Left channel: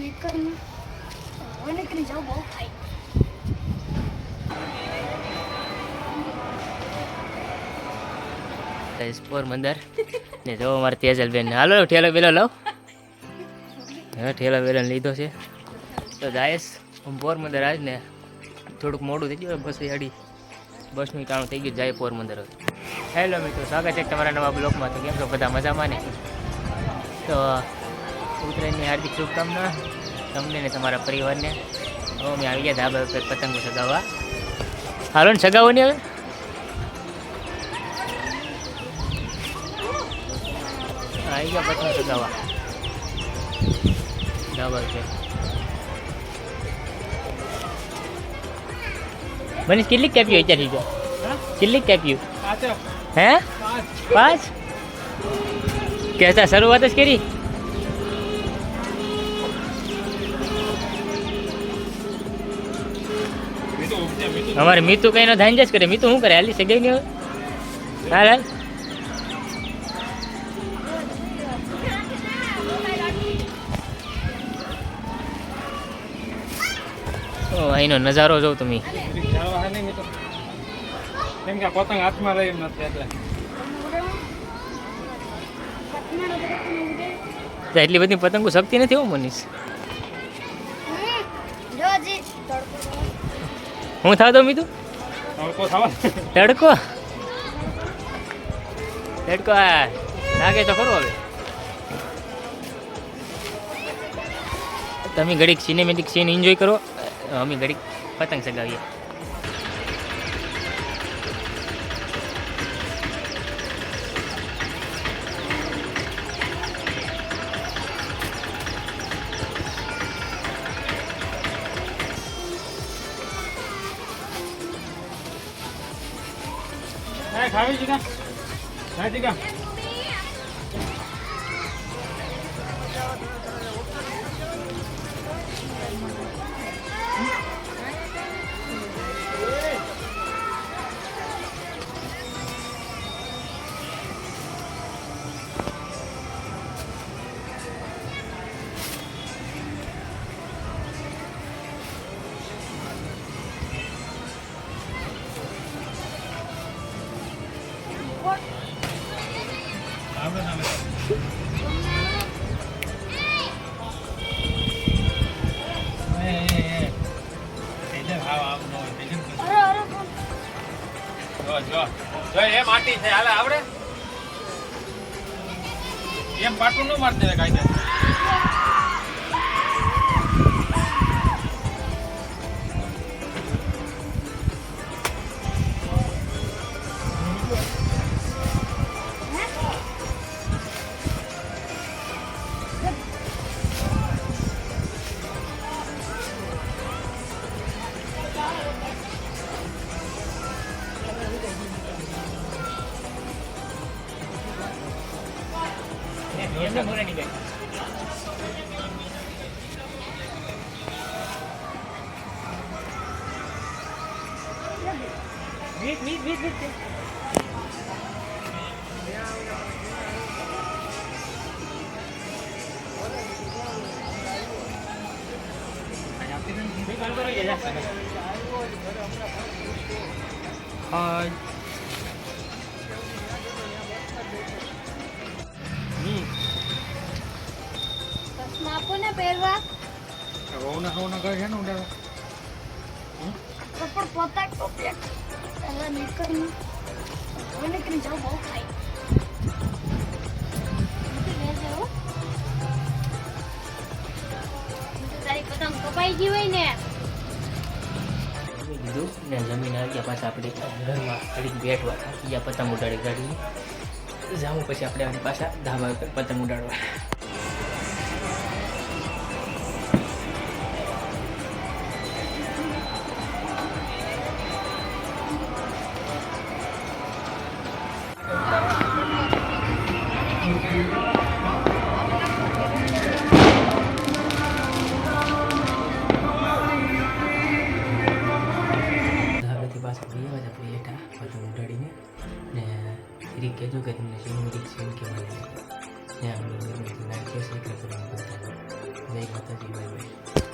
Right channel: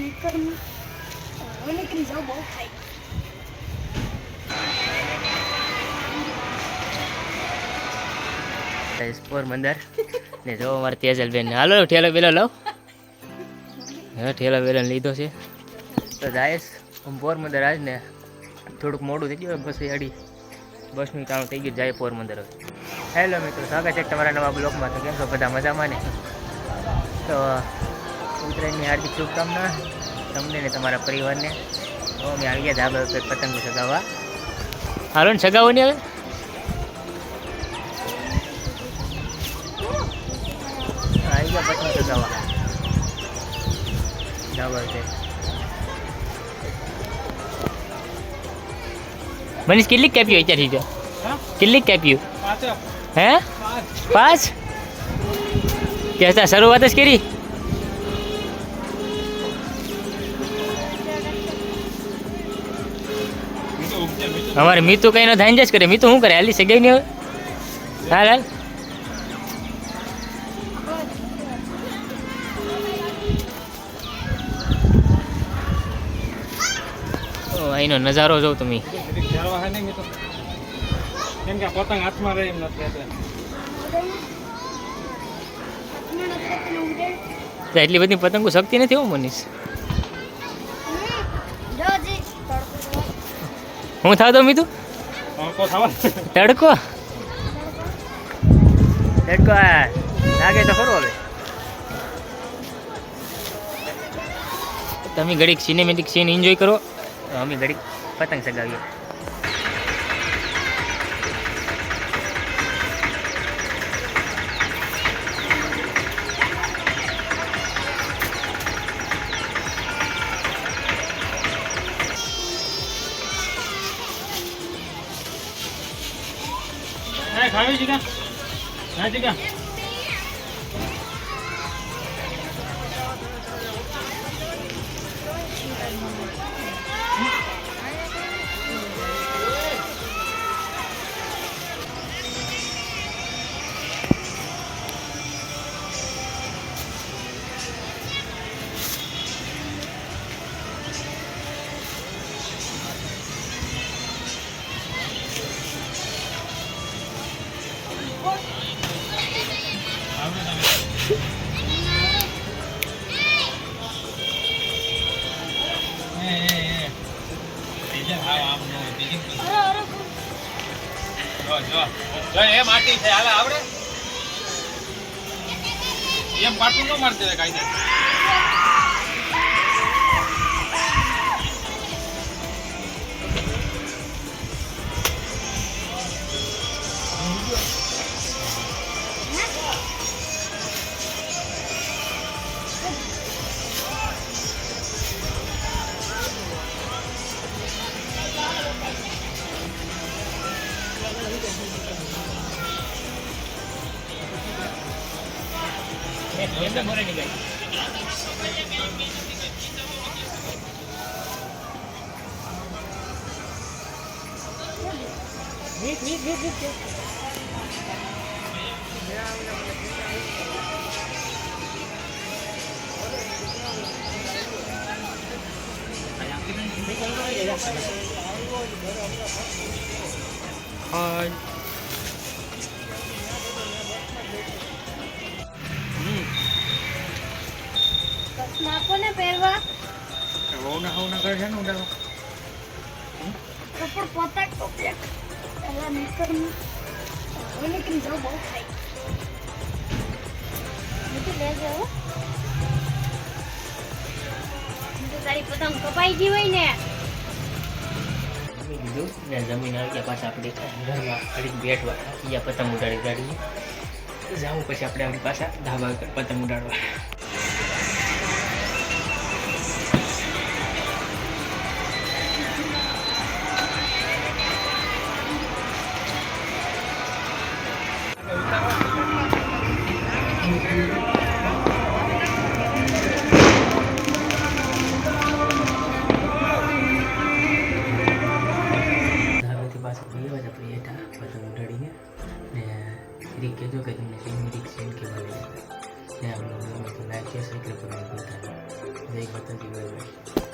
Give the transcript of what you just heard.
નીકળને હવે નીકળી જાવ બહુ થાય પોરબંદર ને જો અમારે તેજલબેન હાલો ઠેલો બેલો લઉં હા ઠેલો બેલો લીધો છે તો જાયશ હું પોરબંદર આજ ને થોડુંક મોડું થઈ ગયું બસ અડી બસનું કામ થઈ ગયું જાય પોરબંદર હવે. હેલો મિત્રો, સ્વાગત છે તમારા નવા બ્લોગમાં. તો કેમ છો બધા મજામાં ને? તો ઉત્તરાયણની હાર્દિક શુભકામના તમને ને તમારા પરિવારને. તો અમે આવી ગયા ધાબા ઉપર પતંગો સગાવવા. હાલો ને સગાવો ને હવે આવી ગયા પતંગ સગાવવા ધાબા ઉપર. મનીષ કેટલીક કાપ્યું અત્યારથી તો? કેટલીક કાપ્યું? હે 5 કેતા શરૂઆત જ કરી. અમારે મીતુ કઈ નો ધાન જ કરે. મીતુ શું કરે? હાલી સગાઈ ને હવે હાલ હાલ અહીંનો નજારો જોઉં તમે. પતંગ હાથમાં રહી નથી એટલી બધી પતંગો શક્તિ નથી હો મનીષ. હું થાવ તો મીતું તડકો તડકો લાગે તો ખરું. હવે તમે ઘડીક સિનેમેટિક સીન એન્જોય કરો, અમે ઘડીક પતંગ સગાવીએ. ખાવી છે કે માટી છે હાલે આવડે એમ પાટું ન મારી દેવાય કાંઈ. નીકળી જાવ બહુ થાય તારી પતંગ કપાઈ ગઈ હોય ને. જમીન આવી ગયા પાછા આપણે ઘરમાં ઘડીક બેઠવા બીજા પતંગ ઉડાડી ગાડીએ જાઉં પછી આપણે આપણી પાછા ધાબા ઉપર પતંગ ઉડાડવા. પતંગ ઉડાડીને ને ફરી કહેજો કે તમને સિનેમેટિક સીન કેવા લાગે ને આપણે ગમે તો લાઈક કે સબસ્ક્રાઈબ કરવાનું ભૂલતા નહીં. જય જય માતાજી બાય બાય.